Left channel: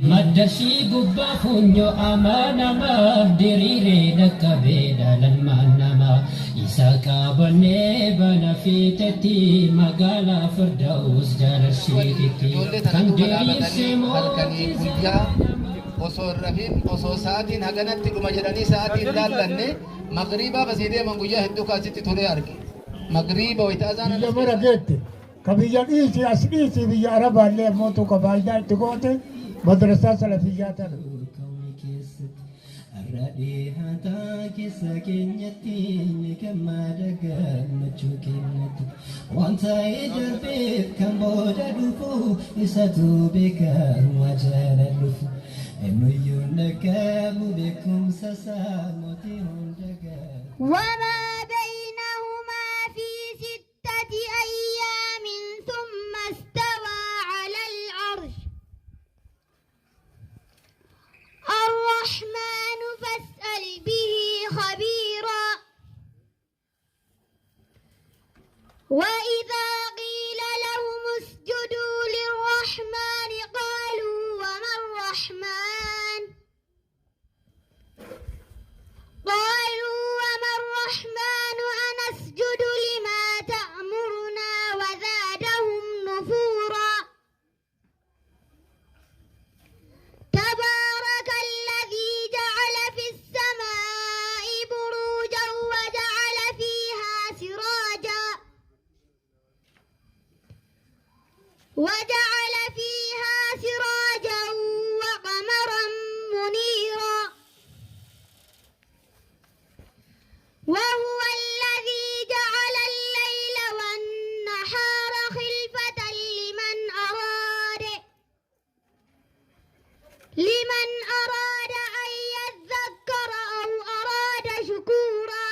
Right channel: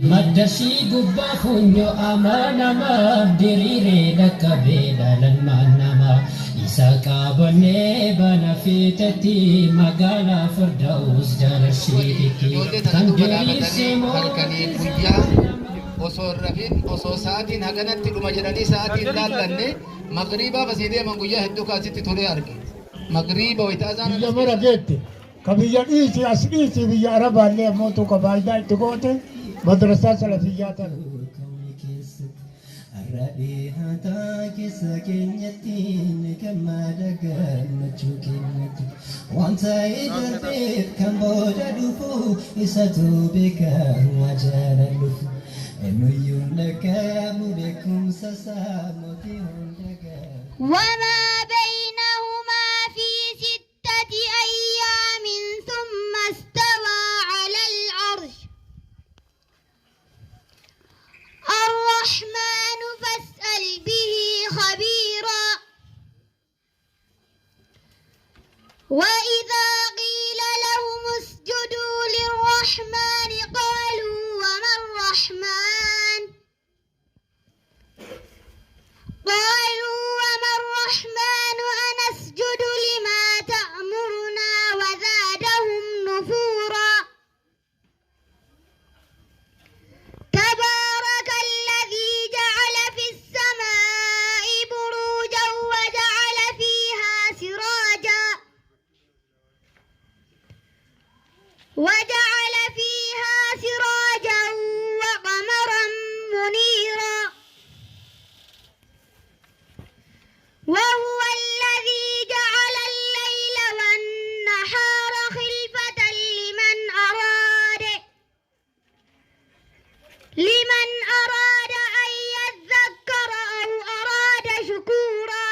Madarsi gubba funyo amanama dirire nakabeda lalmanama isa qabane bana fitati magala firdaus darashiti tandirisi halkanii guyyaa osoo rafin osoo sa'aatiin haganatti dhuma jedhanii sa'aatiin laallanne magriibaa basii deeman guyyaa hedduu kaasitti tolee arge magriiba wayitaasaan mara geette kabiyya dhiisi as dhiisi biyya arabaallee ammoo tokko faayidaa itti goote madrasaa salafiyyaa tana. Raadiyaataa keessa keenyatti gammadaa gammachuu keenyatti wanta eegalteef kan booda dhufu isatu beekamaa jaalan dhufu eenyuyyuu nagamu beekumsa isaa mootii hunda gamu. وإذا قيل لهم اسجدوا للرحمن قالوا وما الرحمن أنسجد لما تأمرنا وزادهم نفورا تبارك الذي جعل في السماء بروجا وجعل فيها سراجا وقمرا منيرا وهو الذي جعل الليل والنهار خلفة لمن أراد أن يذكر أو أراد شكورا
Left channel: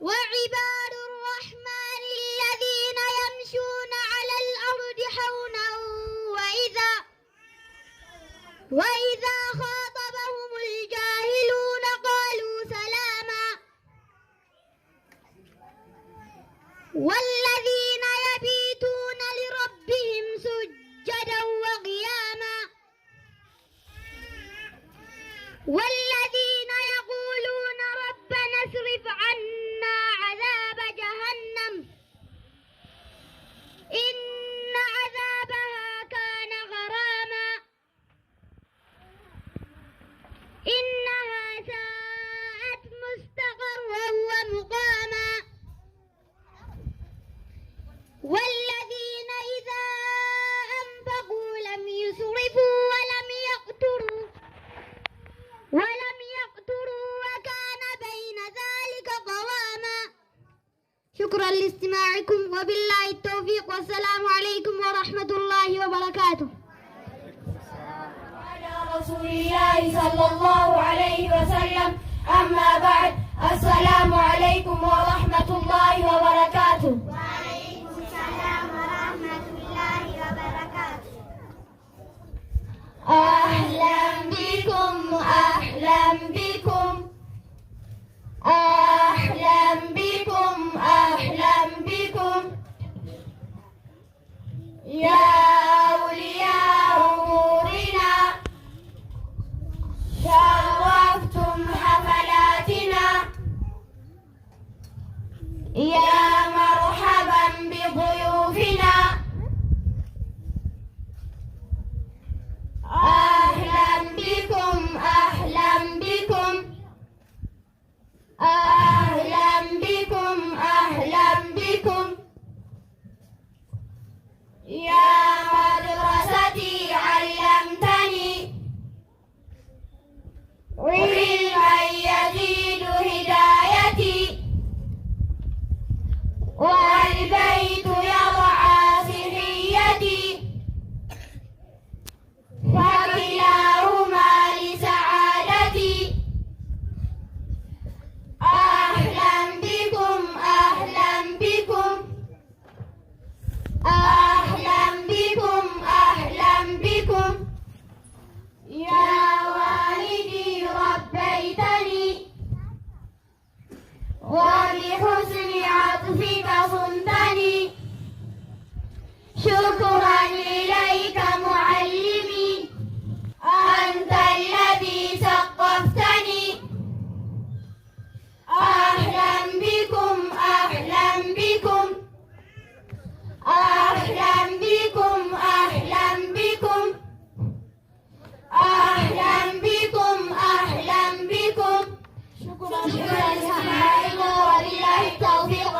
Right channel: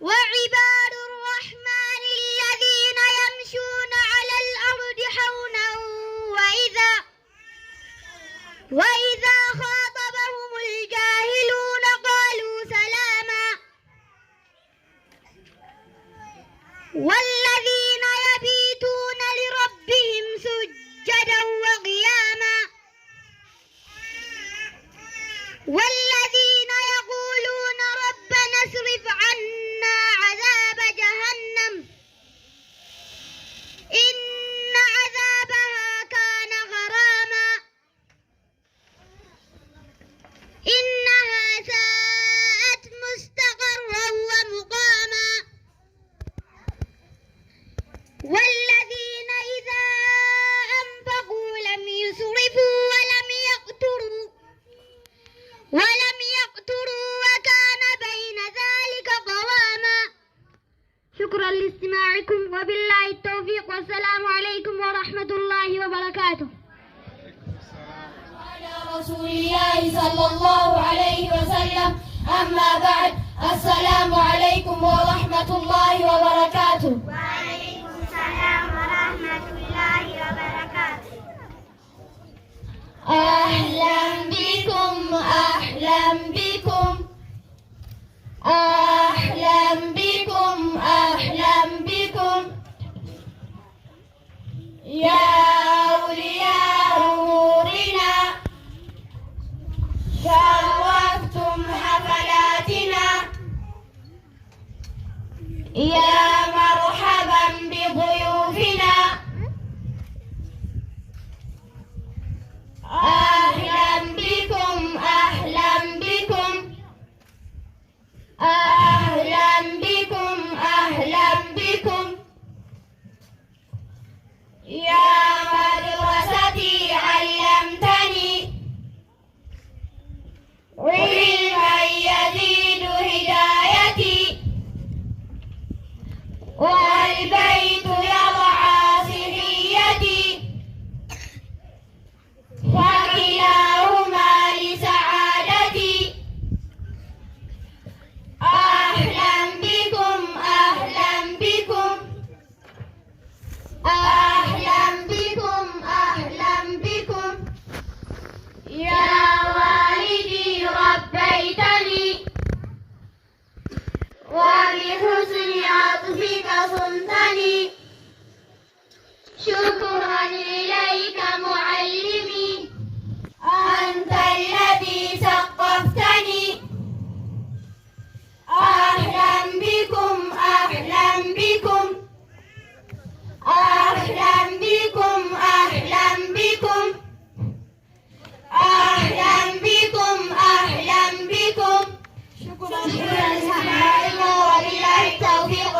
وعباد الرحمن الذين يمشون على الأرض حونا وإذا خاطبهم الجاهلون قالوا سلاما والذين يبيتون لربهم سجدا وقياما والذين يقولون ربنا اصرف عنا عذاب جهنم إن عذابها كان غراما إنها ساءت مستقرا ومقاما والذين إذا أنفقوا لم يسرفوا ولم يقتروا وكان بين ذلك قواما. شكرا لاستماعكم وبالله التوفيق والسلام عليكم ورحمة الله وبركاته. على رسول الله صلى الله عليه وسلم. أما بعد، السلام عليكم ورحمة الله وبركاته. وعليكم السلام ورحمة الله وبركاته. أهلا بكم أهلا بكم أهلا بكم أهلا بكم يا أولياء أمورنا، شرفتم حفلاتنا، يا مرحبا شكرا إليك معلمي، أنت الذي ثقفتني. أهلا بكم أهلا بكم أهلا بكم أهلا بكم أهلا بكم أهلا بكم. شكرا لسماعكم وبالله التوفيق